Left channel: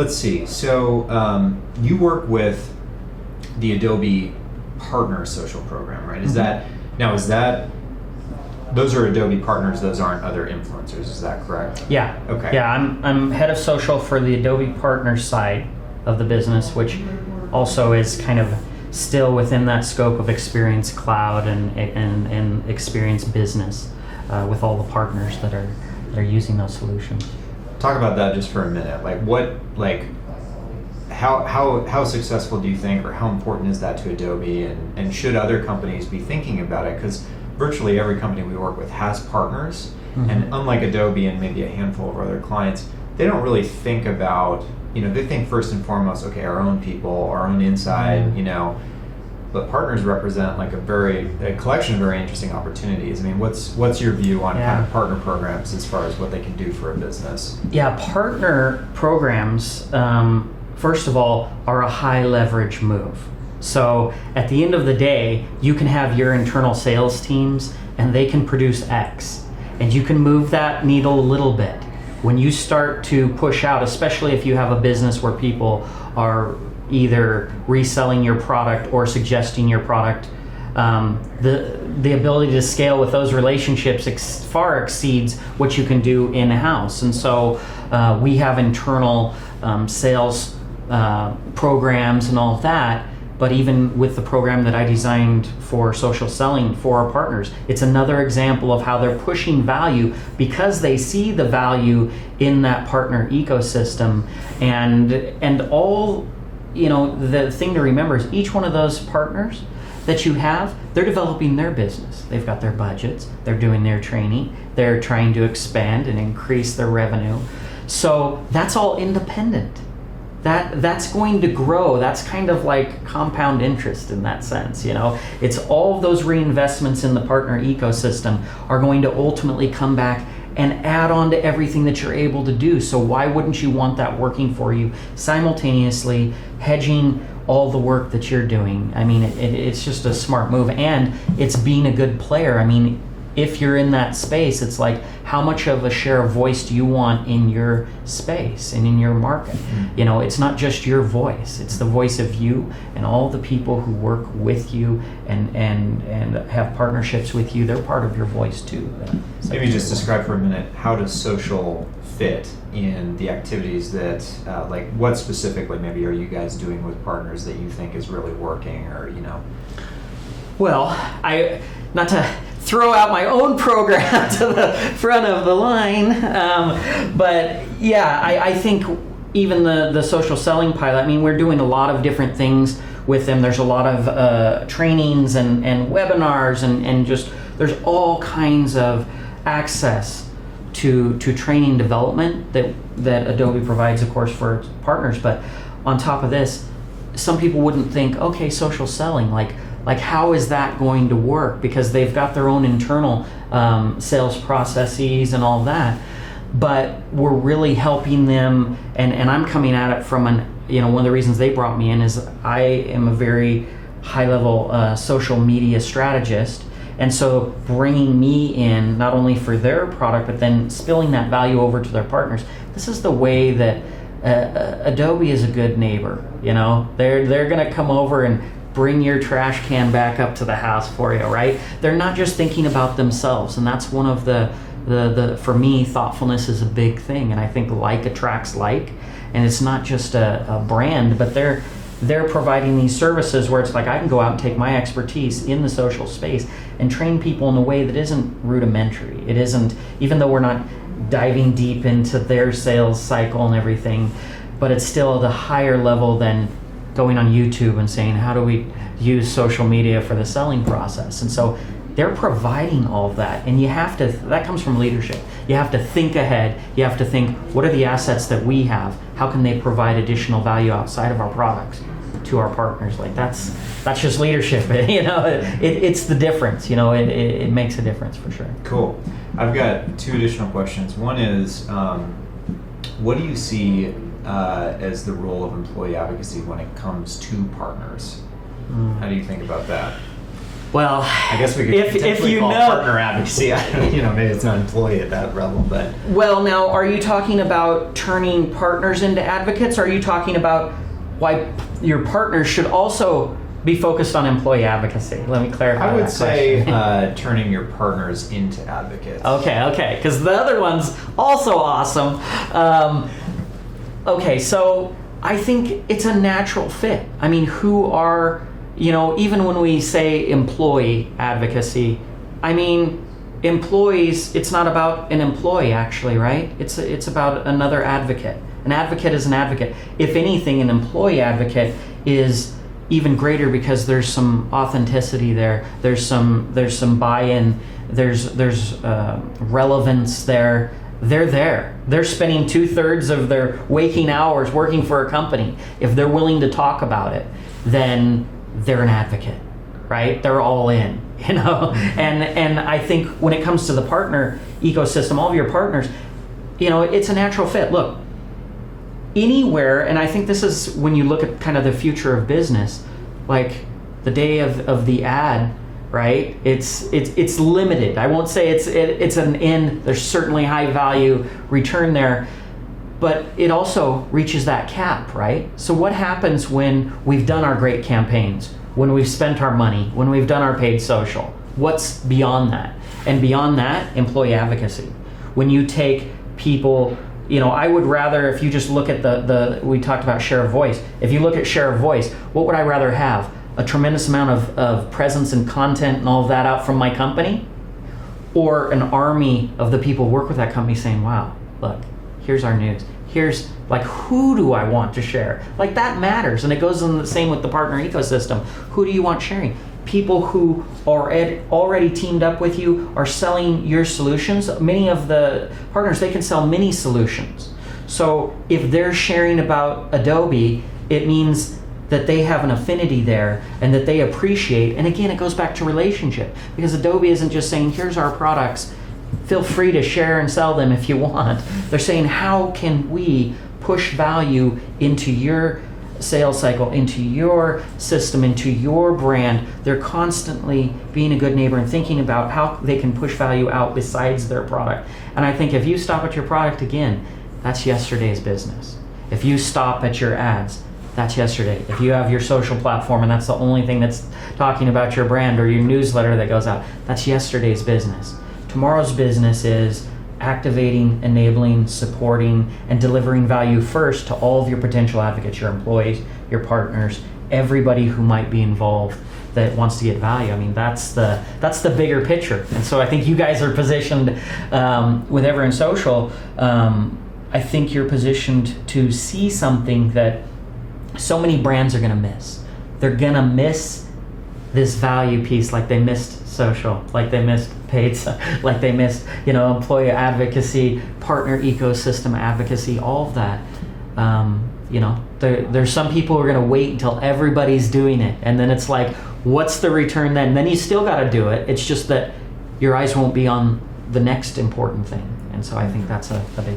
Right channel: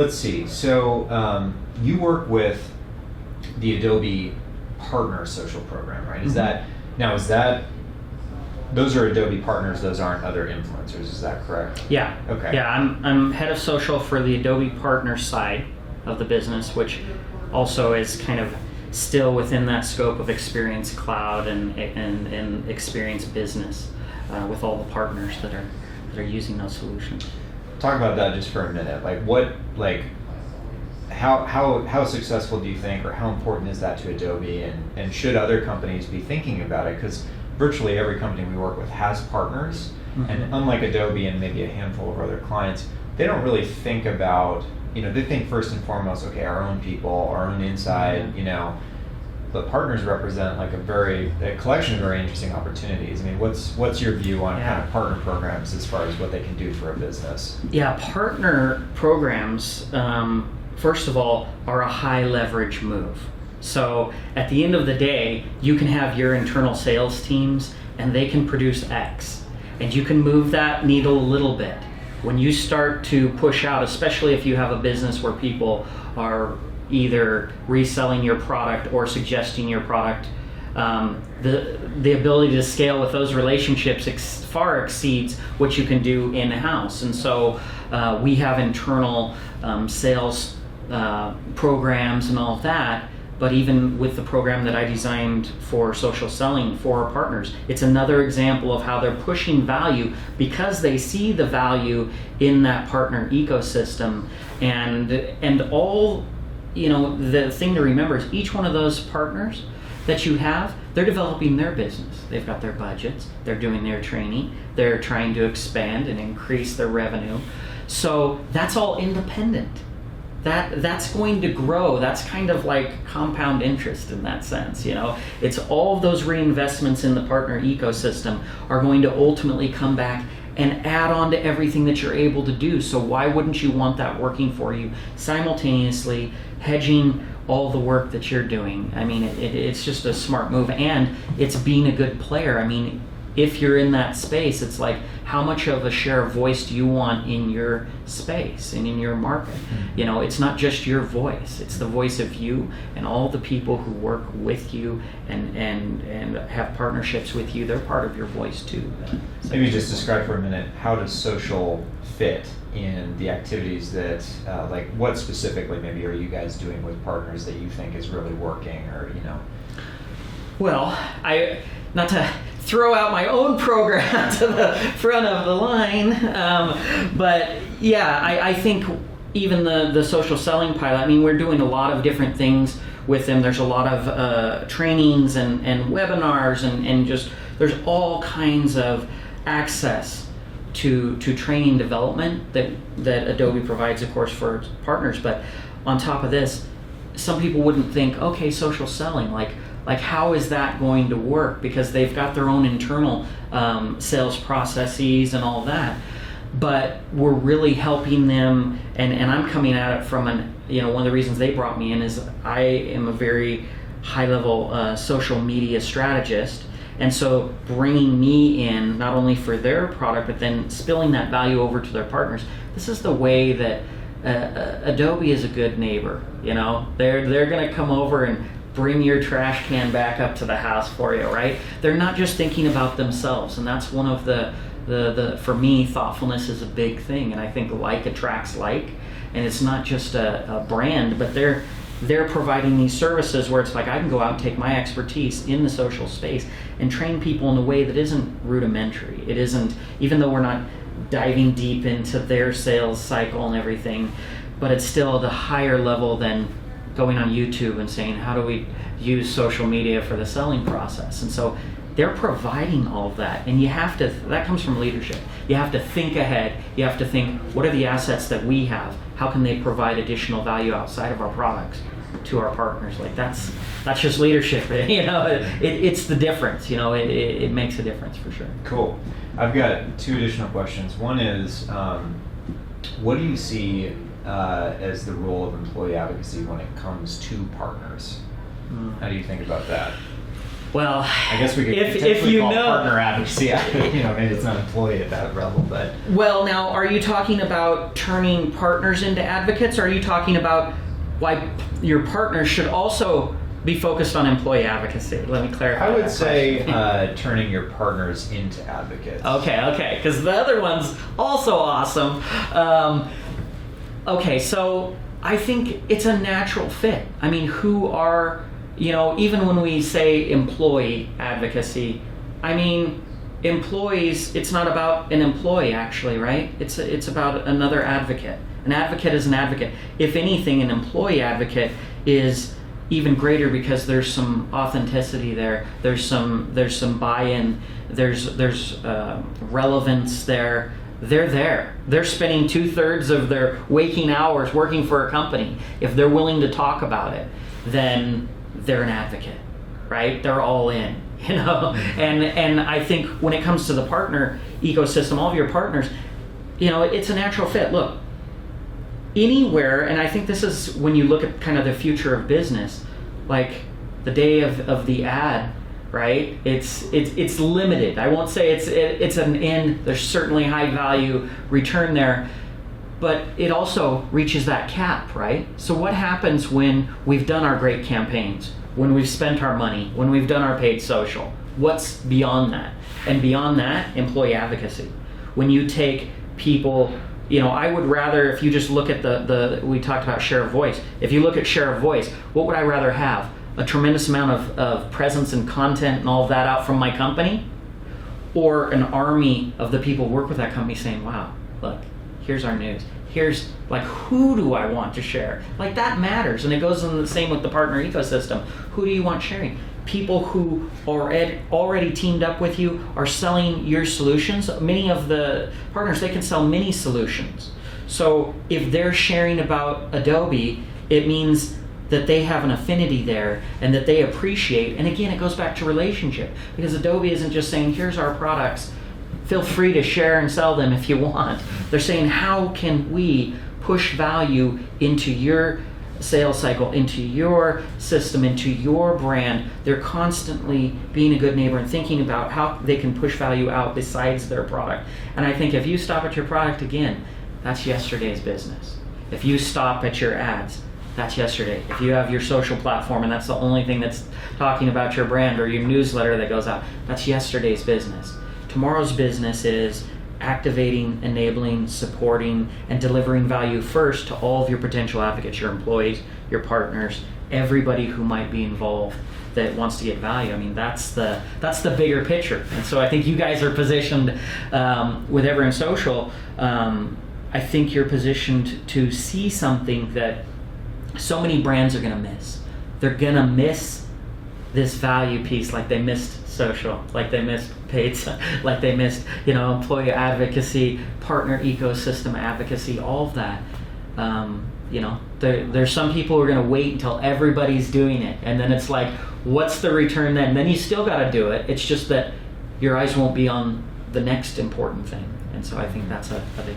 let's see. So you work with the Adobe Partner Social Program, right? Is that those are Adobe partners? Those aren't other influencers. Is that correct? Yeah. Okay. Yeah, I'm head of social for the Adobe Partner side of the business, which also is kind of still within that scope of Experience Cloud and Experience Business with all the partners that are using those solutions. Talk about that just for a minute. How successful do you think, or how important is that to Adobe, and should other companies be thinking about it? Because virtually every company we work with has partners, and unlike Adobe and maybe a handful of other clients, they don't really think about, they think first and foremost, okay, our own people, our own inside, but partners represent like a collection of very interesting opportunities. I mean, what's your view on kind of partner programs as far as what they can do for a business? Yeah, partner programs, first of all, are a high leverage move. So at the end of the day, you can have your internal sales teams and they can produce X, and you can move that needle a little bit. When you start to push out, especially if you have a business where people are either reselling your product or suggesting your product, the ability to scale with those relationships far exceeds what you can do in-house. And so we have internal sales programs and all of that, but even with the program that I designed for social selling for our partners, it's another example of how they're pushing value because they see the value in that partner ecosystem. And all, the thing to remember is each one of those partners that you have, they're developing their business. They've got their budgets, they're doing their training, they're trying to expand and increase their revenue. So that's all independent. That's going to grow. That's kind of like compound interest in that sense, It's all of those reinvestments in the partner ecosystem are going to ultimately come back and add on to everything that you're able to do. So why wouldn't you want that working for you simultaneously, hedging all the work that you're doing? I mean, it's just a smart move, and it's being a good player. I mean, if you're in that space, it's like, how much of a share of voice do you want in your space and in your market? It's not just your voice, it's the voice of you and all the people who work with you and have partnerships with you. They're part of your voice too. Maybe just describe for a minute, how does social fit in the activities that, what specifically maybe are you guys doing with partners that you think is really working, or, Well, not to throw out my own program to the front of the line, but yeah, I think even the social selling pilot, I mean, we're doing a lot of different things with them. There's a lot of trainings and webinars and just, there's all kinds of access to training development that Adobe provides, of course, for its partners. But on top of this, some people wouldn't think, okay, social selling, like how is that going to work? Because they've got their own internal sales processes and all that. But we're really helping them, and I'm coming at it from one of the reasons they brought me in is I am a very high-level social media strategist, and so bringing me in not only for their product, but then spilling that value over to their partners. This is the way that Adobe is a good neighbor. They're going to come over and bring your trash can back up to the house for you, right? They're not just thinking about themselves, and that's one of the for me, thoughtfulness is a big thing, and I think like attracts like, and it's not just a brand, but they're providing these services where it's like I can go out and take my expertise in the social space and train people in a way that isn't rudimentary. It isn't, even though we're not diving deep into their sales cycle and everything, but it's still at a higher level than going on YouTube and saying, how do we use social media for the selling process? And so they're providing all of that, and that comes from leadership. You have to think ahead. You have to think, what are the assets that we have? How can they provide additional value outside of our products to our partners? Like that's just leadership. It's the difference. It makes a difference for sure. Cool. I've got two additional questions. One is, what do you see as the role of employee advocacy when it comes to partners? How do you think about that? Well, I guess we could potentially call partner advocacy. Maybe it's not employee at that level, but. Well, now, are you talking about turning partners into advocates? Or are you talking about why your partners should also be focused on employee advocacy? Let me clarify. I would say turning your partners into advocates. Okay, because the other one's also awesome. Okay, so I think it's a natural fit. I mean, who are, even when we say employee advocacy, I mean, employees, it's not about an employee actually, right? It's about another advocate. An advocate is an advocate. If anything, an employee advocate is even greater because there's some authenticity there. There's some buy-in. There's relevance there. They're there. They're spending 2/3 of their waking hours working for a company. If they're willing to talk about it, then they're an advocate, right? They're all in, And I think when it comes to the partner ecosystem, all of your partners, it's a natural fit. Look, anywhere, and I think this is when you look at kind of the future of business, like the day of the ad, right? It's limited. I won't say it's an end. There's certainly high value return there, but it also reaches that cap, right? So what happens when we've done our great campaigns, when we've spent our money, when we've done our paid social? What's beyond that? And beyond that, employee advocacy. When you take people, I would rather, if you just look at we talked about share of voice. If you look at share of voice, what would I rather have? A tremendous amount of presence and content and all of that out from my company, or an army of the people who work with that company saying, wow, look, here's our news. Here's, who do I want to share? That matters. And it goes in the same with the partner ecosystem. Who do you want sharing? People who are already teamed up with you are selling your solutions. Many of the partners, they can sell many solutions. So if they're sharing about Adobe, it means that they have an affinity there and that they appreciate. And again, it goes back to relationship, because Adobe isn't just saying, here's our products, feel free to share and sell them if you want. They're saying, how can we push value into your sales cycle, into your system, into your brand? They're constantly being a good neighbor and thinking about how they can push value out besides their product. And I think if you stop at your product, again, that's yesterday's business. If you stop at your ads, that's yesterday. If you have your social platform and that's the only thing that's talking about your brand, or your newsletter that goes out, that's yesterday's business. Tomorrow's business is activating, enabling, supporting, and delivering value first to all of your potential advocates, your employees, your partners, everybody who might be involved that wants to get value. I mean, that's the bigger picture. And so I think you guys are positioned with Everyone Social. I think you're positioned to see something that so many brands are going to miss. They're going to miss this value piece, like they missed social, like they missed paid, like they missed, employee advocacy, partner ecosystem advocacy, all of that. There's some people who are going to wait until everybody's doing it, and then it's like, what's the return then? Then you still got to do it. It's just that your eyes won't be on the next important thing. And so I think that's a big